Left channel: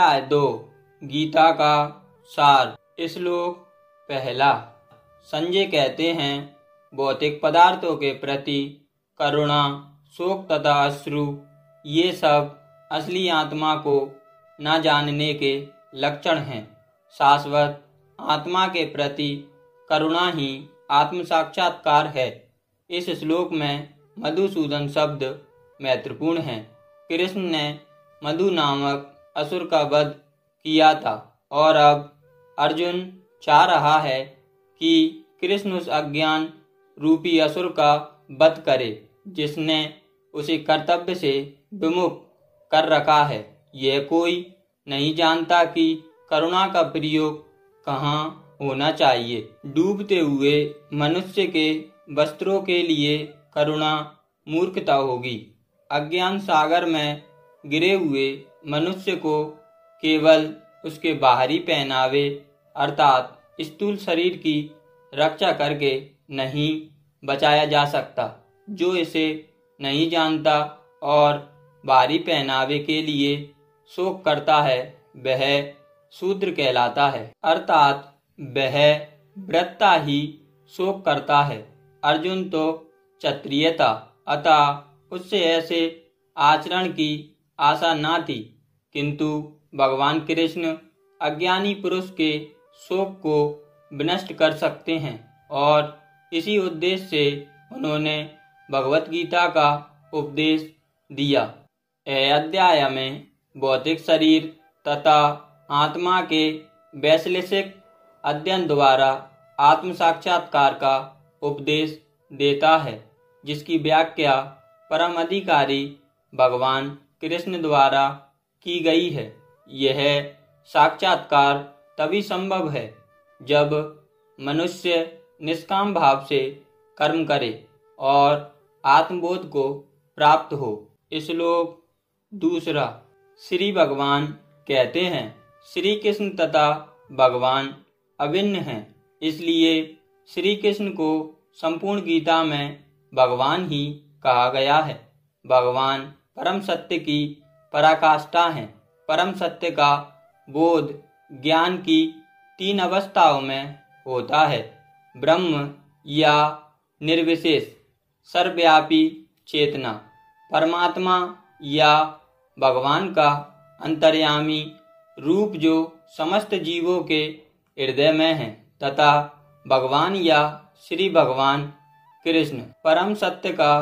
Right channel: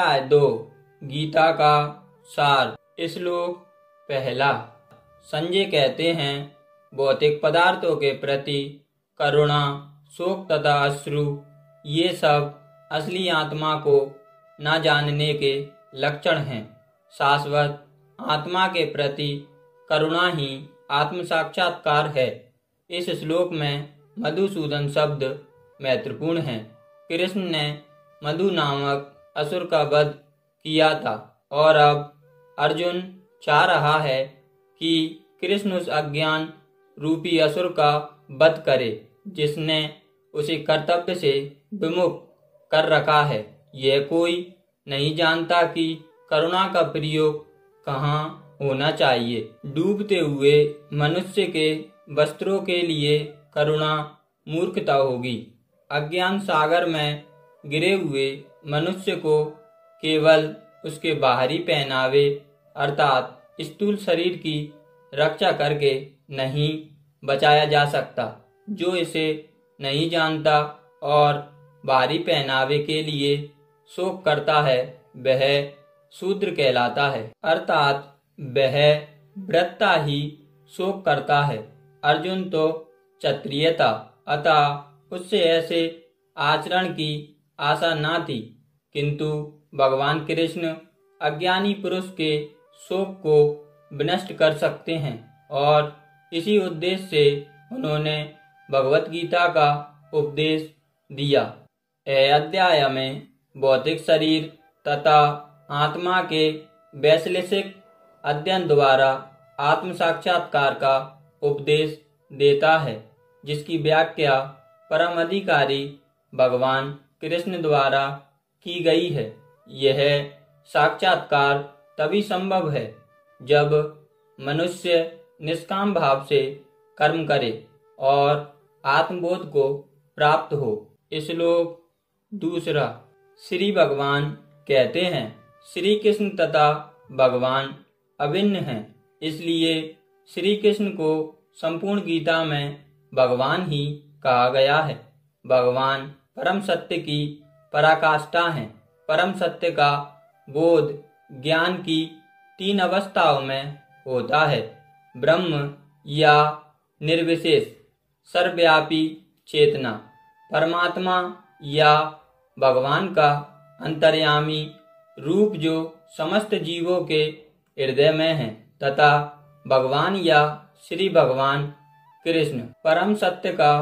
अध्याय 2 गीता का सार। श्लोक पहला। संजय कहते हैं, भौतिक पदार्थों के प्रति करुणा, शोक तथा अश्रु ये सब असली आत्मा को न जानने के लक्षण हैं। शाश्वत आत्मा के प्रति करुणा ही आत्म साक्षात्कार है। इस श्लोक में मधुसूदन शब्द महत्वपूर्ण है। कृष्ण ने मधु नामक असुर का वध किया था और अब अर्जुन चाह रहा है कि कृष्ण उस अज्ञान रूपी असुर का वध करे जिसने उसे कर्तव्य से विमुख कर रखा है। यह कोई नहीं जानता कि करुणा का प्रयोग कहाँ होना चाहिए। डूबते हुए मनुष्य के वस्त्रों के लिए करुणा मूर्खता होगी। अज्ञान सागर में गिरे हुए मनुष्य को केवल उसके बाहरी पहनावे अर्थात स्थूल शरीर की रक्षा करके नहीं बचाया जा सकता। जो इसे नहीं जानता और बाहरी पहनावे के लिए शोक करता है वह शूद्र कहलाता है, अर्थात वह व्रता ही शोक करता है। अर्जुन तो क्षत्रिय था, अतः उससे ऐसे आचरण की आशा न थी, किंतु भगवान कृष्ण अज्ञानी पुरुष के शोक को विनष्ट कर सकते हैं और इसी उद्देश्य से उन्होंने भगवत गीता का उपदेश दिया। यह अध्याय में भौतिक शरीर तथा आत्मा के वैश्लेषिक अध्ययन द्वारा आत्म साक्षात्कार का उपदेश देता है, जिसकी व्याख्या परम अधिकारी भगवान कृष्ण द्वारा की गई है। यह साक्षात्कार तभी संभव है जब मनुष्य निष्काम भाव से कर्म करे और आत्मबोध को प्राप्त हो। श्लोक दूसरा। श्री भगवान कहते हैं, श्री कृष्ण तथा भगवान अभिन्न हैं, इसलिए श्री कृष्ण को संपूर्ण गीता में भगवान ही कहा गया है। भगवान परम सत्य की पराकाष्ठा हैं। परम सत्य का बोध ज्ञान की 3 अवस्थाओं में होता है। ब्रह्म या निर्विशेष सर्वव्यापी चेतना, परमात्मा या भगवान का अंतर्यामी रूप जो समस्त जीवों के हृदय में है, तथा भगवान या श्री भगवान कृष्ण परम सत्य का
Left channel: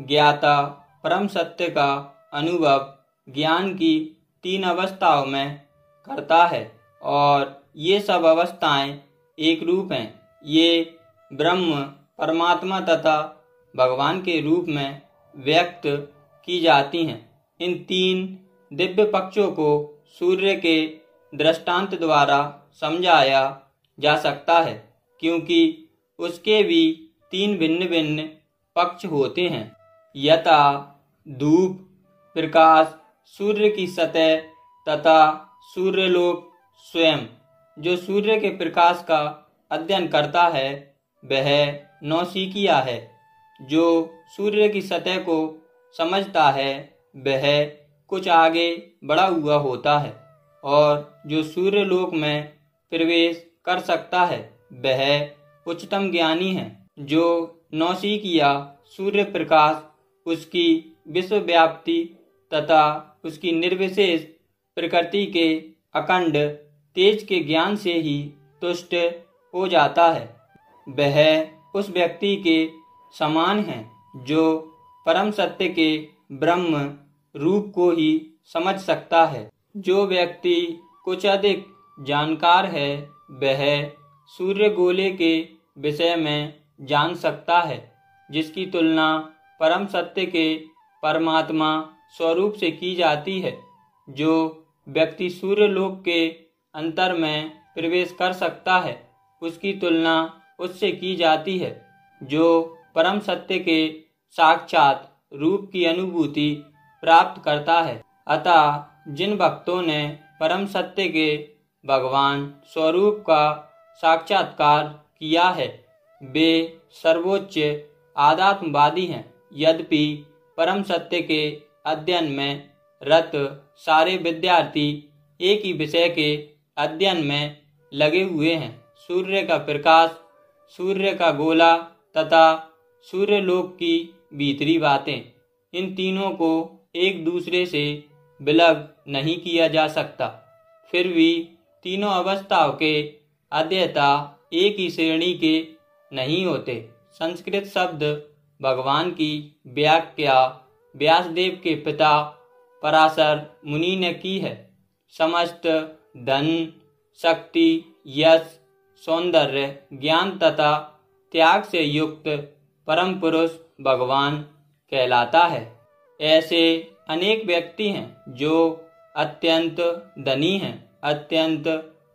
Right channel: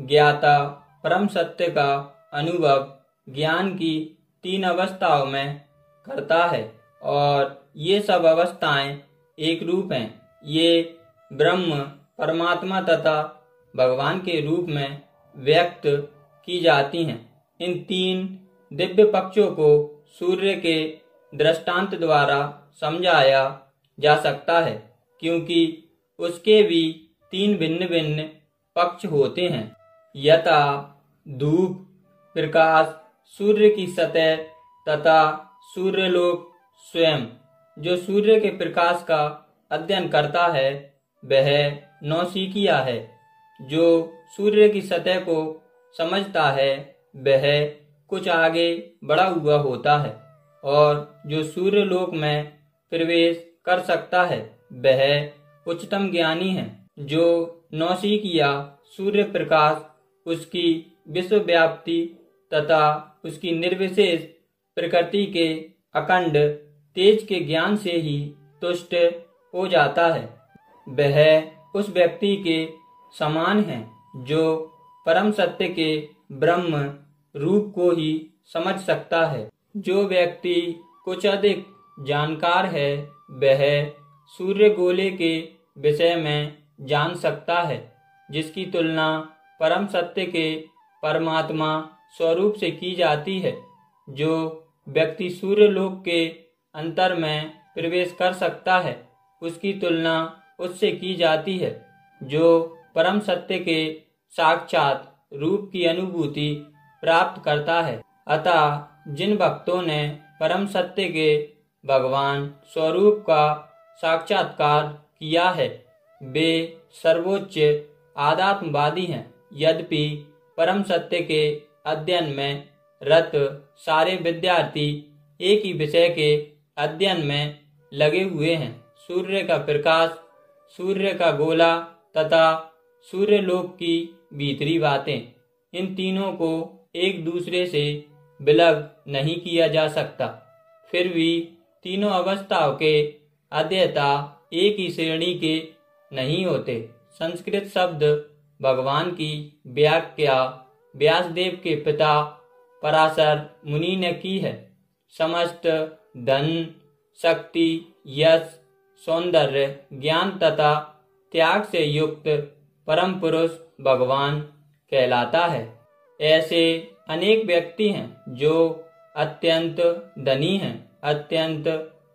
ज्ञाता, परम सत्य का अनुभव ज्ञान की 3 अवस्थाओं में करता है और ये सब अवस्थाएं एक रूप हैं। ये ब्रह्म, परमात्मा तथा भगवान के रूप में व्यक्त की जाती हैं। इन 3 दिव्य पक्षों को सूर्य के दृष्टांत द्वारा समझाया जा सकता है, क्योंकि उसके भी 3 भिन्न भिन्न पक्ष होते हैं। यथा धूप प्रकाश, सूर्य की सतह तथा सूर्यलोक स्वयं। जो सूर्य के प्रकाश का अध्ययन करता है वह नौसिखिया है। जो सूर्य की सतह को समझता है वह कुछ आगे बढ़ा हुआ होता है और जो सूर्यलोक में प्रवेश कर सकता है वह उच्चतम ज्ञानी है। जो नौसिखिया सूर्य प्रकाश, उसकी विश्वव्याप्ति तथा उसकी निर्विशेष प्रकृति के अखंड तेज के ज्ञान से ही तुष्ट हो जाता है, वह उस व्यक्ति के समान है जो परम सत्य के ब्रह्म रूप को ही समझ सकता है। जो व्यक्ति कुछ अधिक जानकार है वह सूर्य गोले के विषय में जान सकता है, जिसकी तुलना परम सत्य के परमात्मा स्वरूप से की जाती है। जो व्यक्ति सूर्यलोक के अंतर में प्रवेश कर सकता है उसकी तुलना उससे की जाती है जो परम सत्य के साक्षात रूप की अनुभूति प्राप्त करता है। अतः जिन भक्तों ने परम सत्य के भगवान स्वरूप का साक्षात्कार किया है वे सर्वोच्च आध्यात्मवादी हैं। यद्यपि परम सत्य के अध्ययन में रत सारे विद्यार्थी एक ही विषय के अध्ययन में लगे हुए हैं। सूर्य का प्रकाश, सूर्य का गोला तथा सूर्यलोक की भीतरी बातें, इन तीनों को एक दूसरे से विलग नहीं किया जा सकता। फिर भी तीनों अवस्थाओं के अध्येता एक ही श्रेणी के नहीं होते। संस्कृत शब्द भगवान की व्याख्या व्यासदेव के पिता पराशर मुनि ने की है। समस्त धन, शक्ति, यश, सौंदर्य, ज्ञान तथा त्याग से युक्त परम पुरुष भगवान कहलाता है। ऐसे अनेक व्यक्ति हैं जो अत्यंत धनी हैं, अत्यंत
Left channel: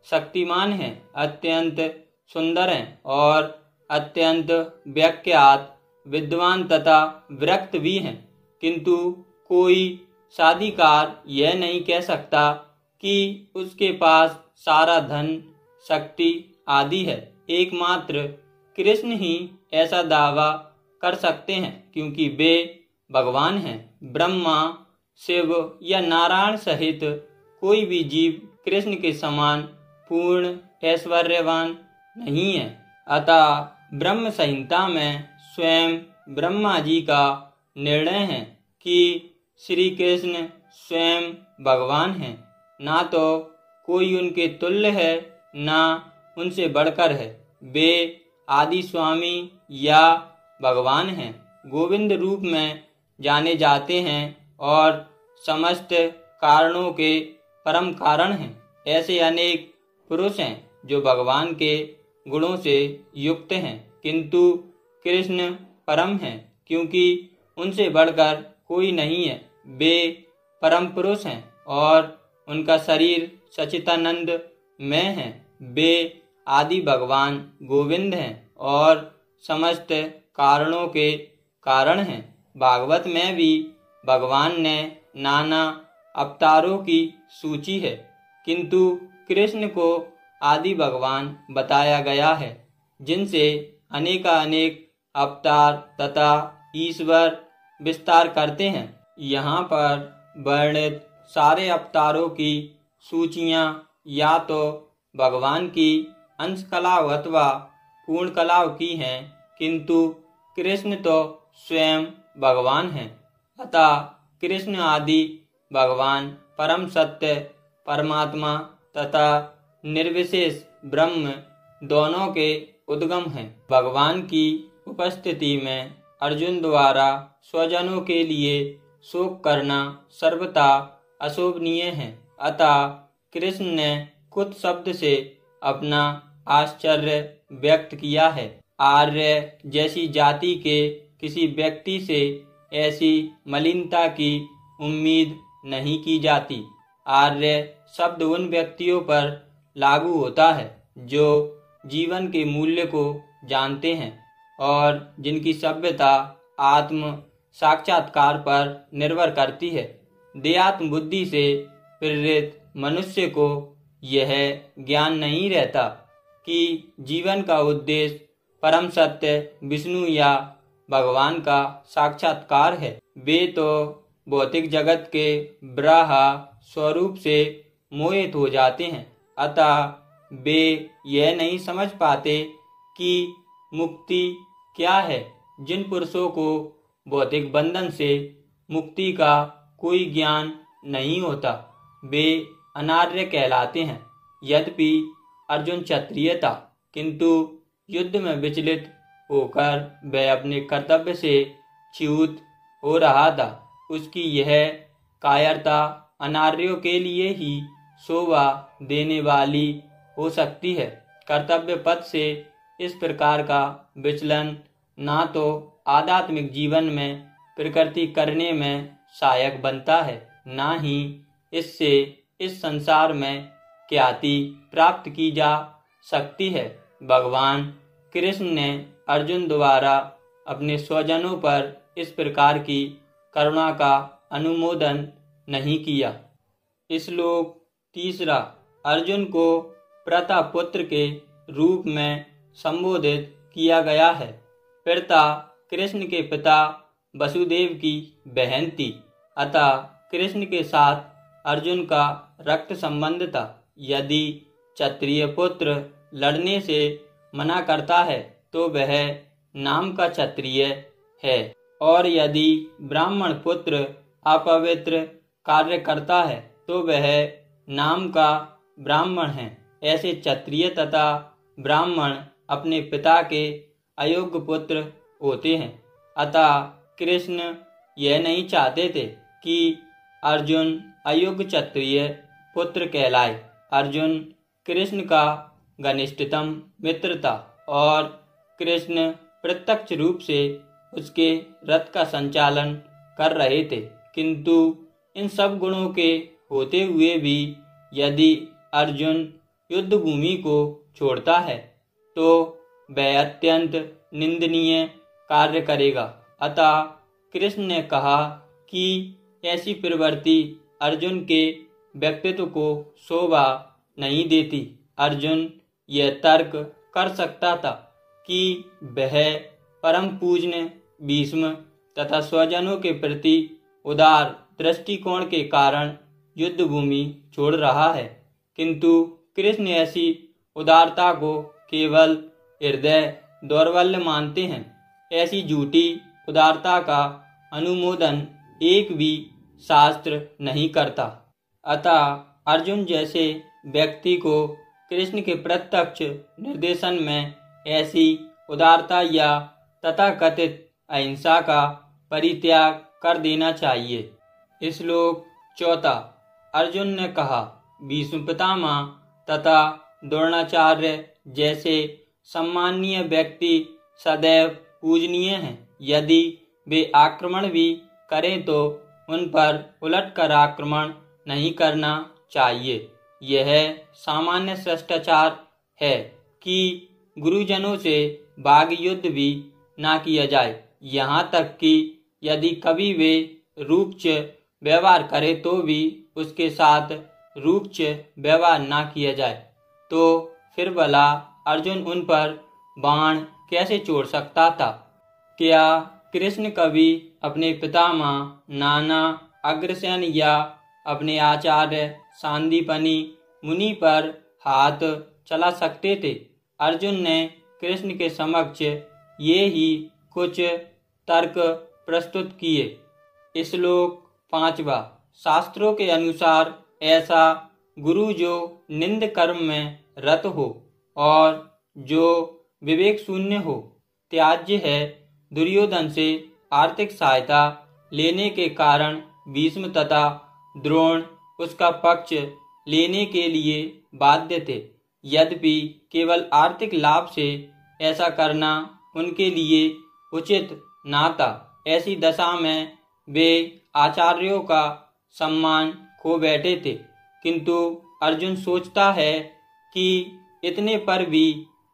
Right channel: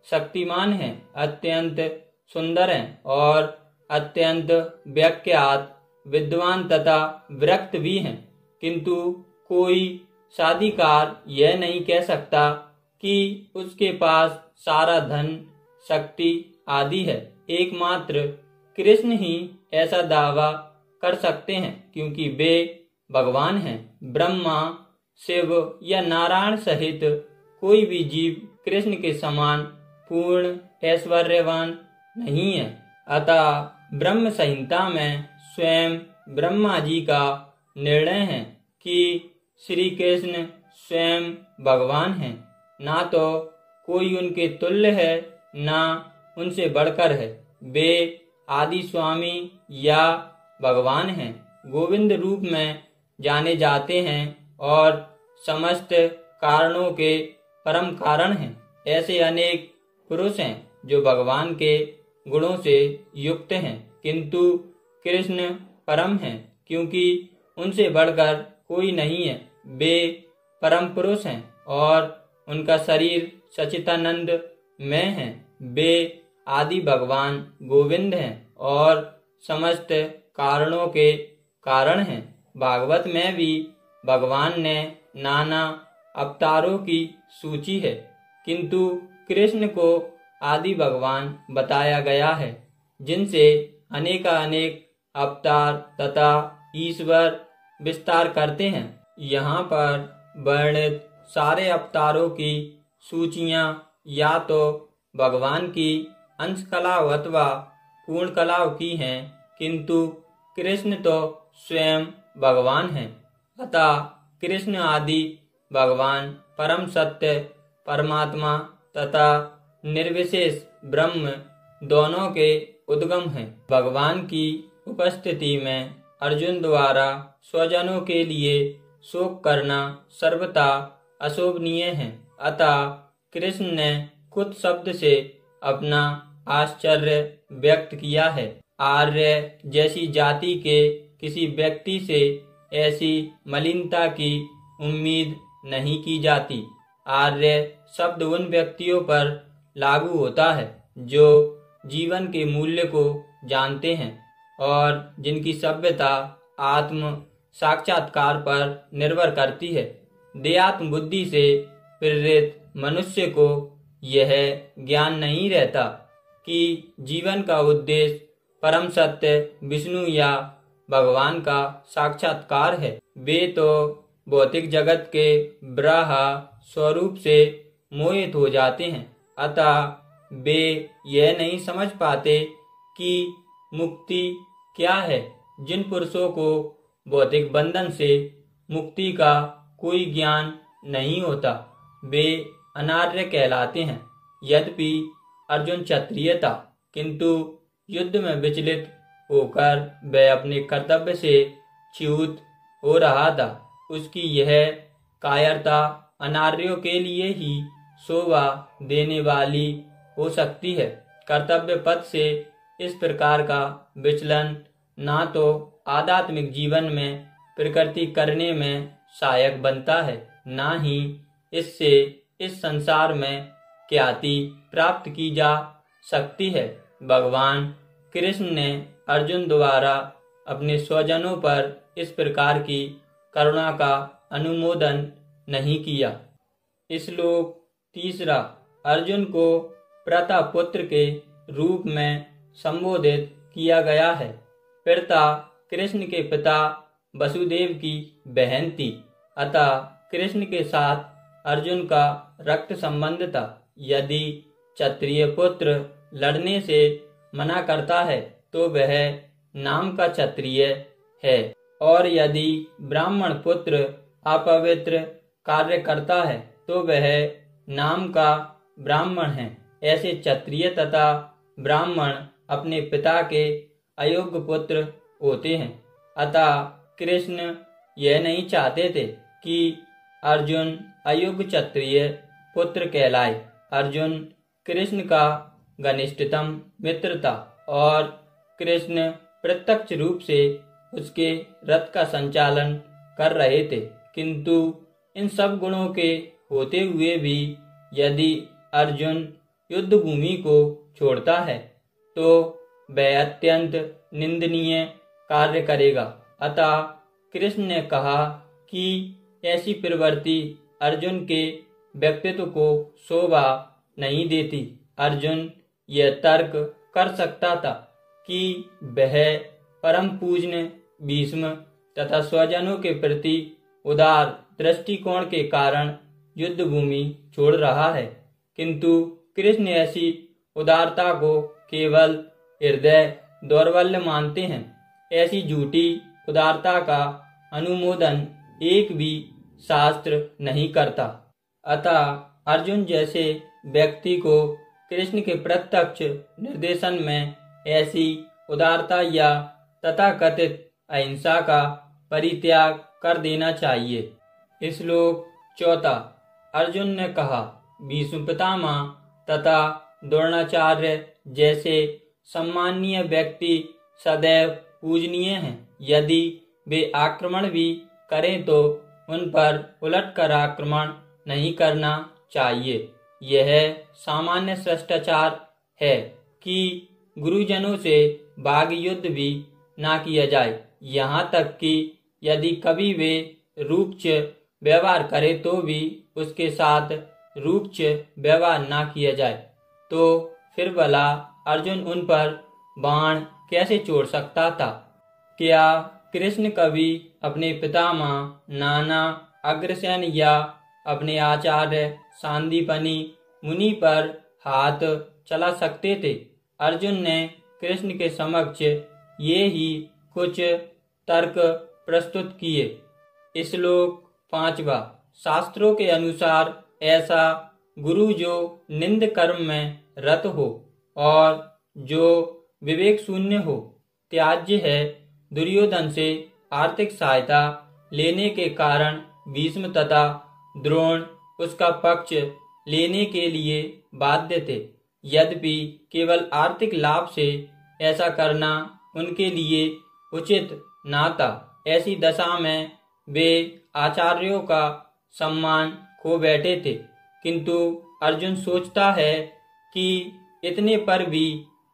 शक्तिमान हैं, अत्यंत सुंदर हैं और अत्यंत विख्यात विद्वान तथा विरक्त भी हैं, किंतु कोई साधिकार यह नहीं कह सकता कि उसके पास सारा धन, शक्ति आदि है। एकमात्र कृष्ण ही ऐसा दावा कर सकते हैं, क्योंकि वे भगवान हैं। ब्रह्मा, शिव या नारायण सहित कोई भी जीव कृष्ण के समान पूर्ण ऐश्वर्यवान नहीं है। अतः ब्रह्म संहिता में स्वयं ब्रह्मा जी का निर्णय है कि श्री कृष्ण स्वयं भगवान हैं। ना तो कोई उनके तुल्य है, ना उनसे बढ़कर है। वे आदि स्वामी या भगवान हैं, गोविंद रूप में जाने जाते हैं और समस्त कारणों के परम कारण हैं। ऐसे अनेक पुरुष हैं जो भगवान के गुणों से युक्त हैं, किंतु कृष्ण परम हैं, क्योंकि उनसे बढ़कर कोई नहीं है। वे परम पुरुष हैं और उनका शरीर सच्चिदानंद में है। वे आदि भगवान गोविंद हैं और समस्त कारणों के कारण हैं। भागवत में भी भगवान ने नाना अवतारों की सूची है, किंतु कृष्ण को आदि भगवान बताया गया है, जिनसे अनेकानेक अवतार तथा ईश्वर विस्तार करते हैं। यहाँ पर वर्णित सारे अवतारों की सूचियाँ या तो भगवान की अंश कलाओं अथवा पूर्ण कलाओं की हैं, किंतु कृष्ण तो स्वयं भगवान हैं। अतः कृष्ण आदि भगवान परम सत्य परमात्मा तथा निर्विशेष ब्रह्म दोनों के उद्गम हैं। भगवान की उपस्थिति में अर्जुन द्वारा स्वजनों के लिए शोक करना सर्वथा अशोभनीय है। अतः कृष्ण ने कुछ शब्द से अपना आश्चर्य व्यक्त किया है। आर्य जैसी जाति के किसी व्यक्ति से ऐसी मलिनता की उम्मीद नहीं की जाती। आर्य शब्द उन व्यक्तियों पर लागू होता है जो जीवन के मूल्य को जानते हैं और जिनकी सभ्यता आत्म साक्षात्कार पर निर्भर करती है। देहात्म बुद्धि से प्रेरित मनुष्य को यह ज्ञान नहीं रहता कि जीवन का उद्देश्य परम सत्य विष्णु या भगवान का साक्षात्कार है। वे तो भौतिक जगत के ब्रह्म स्वरूप से मोहित हो जाते हैं। अतः वे यह नहीं समझ पाते कि मुक्ति क्या है। जिन पुरुषों को भौतिक बंधन से मुक्ति का कोई ज्ञान नहीं होता, वे अनार्य कहलाते हैं। यद्यपि अर्जुन क्षत्रिय था, किंतु युद्ध में विचलित होकर वह अपने कर्तव्य से च्युत हो रहा था। उसकी यह कायरता अनार्यों के लिए ही शोभा देने वाली हो सकती है। कर्तव्य पथ से इस प्रकार का विचलन ना तो आध्यात्मिक जीवन में प्रकृति करने में सहायक बनता है, ना ही इससे इस संसार में ख्याति प्राप्त की जा सकती है। भगवान कृष्ण ने अर्जुन द्वारा अपने स्वजनों पर इस प्रकार की करुणा का अनुमोदन नहीं किया। श्लोक 3। अर्जुन को प्रतापुत्र के रूप में संबोधित किया गया है। पिता कृष्ण के पिता वसुदेव की बहन थी, अतः कृष्ण के साथ अर्जुन का रक्त संबंध था। यदि क्षत्रिय पुत्र लड़ने से मना करता है तो वह नाम का क्षत्रिय है, और यदि ब्राह्मण पुत्र अपवित्र कार्य करता है तो वह नाम का ब्राह्मण है। ऐसे क्षत्रिय तथा ब्राह्मण अपने पिता के अयोग्य पुत्र होते हैं। अतः कृष्ण यह नहीं चाहते थे कि अर्जुन अयोग्य क्षत्रिय पुत्र कहलाए। अर्जुन कृष्ण का घनिष्ठतम मित्र था और कृष्ण प्रत्यक्ष रूप से उसके रथ का संचालन कर रहे थे, किंतु इन सब गुणों के होते हुए भी यदि अर्जुन युद्ध भूमि को छोड़ता है तो वह अत्यंत निंदनीय कार्य करेगा। अतः कृष्ण ने कहा कि ऐसी प्रवृत्ति अर्जुन के व्यक्तित्व को शोभा नहीं देती। अर्जुन यह तर्क कर सकता था कि वह परम पूज्य भीष्म तथा स्वजनों के प्रति उदार दृष्टिकोण के कारण युद्ध भूमि छोड़ रहा है, किंतु कृष्ण ऐसी उदारता को केवल हृदय दौर्बल्य मानते हैं। ऐसी झूठी उदारता का अनुमोदन एक भी शास्त्र नहीं करता। अतः अर्जुन जैसे व्यक्ति को कृष्ण के प्रत्यक्ष निर्देशन में ऐसी उदारता या तथाकथित अहिंसा का परित्याग कर देना चाहिए। श्लोक 4। अर्जुन ने कहा, भीष्म पितामह तथा द्रोणाचार्य जैसे सम्माननीय व्यक्ति सदैव पूजनीय हैं। यदि वे आक्रमण भी करें तो उन पर उलटकर आक्रमण नहीं करना चाहिए। यह सामान्य शिष्टाचार है कि गुरुजनों से वाग युद्ध भी ना किया जाए। यहाँ तक कि यदि कभी वे रूक्ष व्यवहार करे तो भी उसके साथ रूक्ष व्यवहार ना किया जाए। तो फिर भला अर्जुन उन पर बाण कैसे छोड़ सकता था? क्या कृष्ण कभी अपने पितामह नाना अग्रसेन या अपने आचार्य सांदीपनि मुनि पर हाथ चला सकते थे? अर्जुन ने कृष्ण के समक्ष ये ही कुछ तर्क प्रस्तुत किए। श्लोक 5। शास्त्रों के अनुसार ऐसा गुरु जो निंद कर्म में रत हो और जो विवेक शून्य हो त्याज्य है। दुर्योधन से आर्थिक सहायता लेने के कारण भीष्म तथा द्रोण उसका पक्ष लेने के लिए बाध्य थे। यद्यपि केवल आर्थिक लाभ से ऐसा करना उनके लिए उचित ना था। ऐसी दशा में वे आचार्यों का सम्मान खो बैठे थे, किंतु अर्जुन सोचता है कि इतने पर भी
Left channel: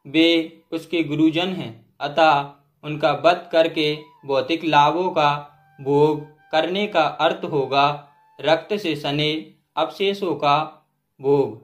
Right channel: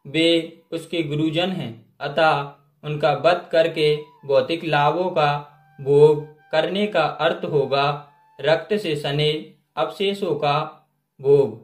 वे उसके गुरुजन हैं, अतः उनका वध करके भौतिक लाभों का भोग करने का अर्थ होगा रक्त से सने अवशेषों का भोग।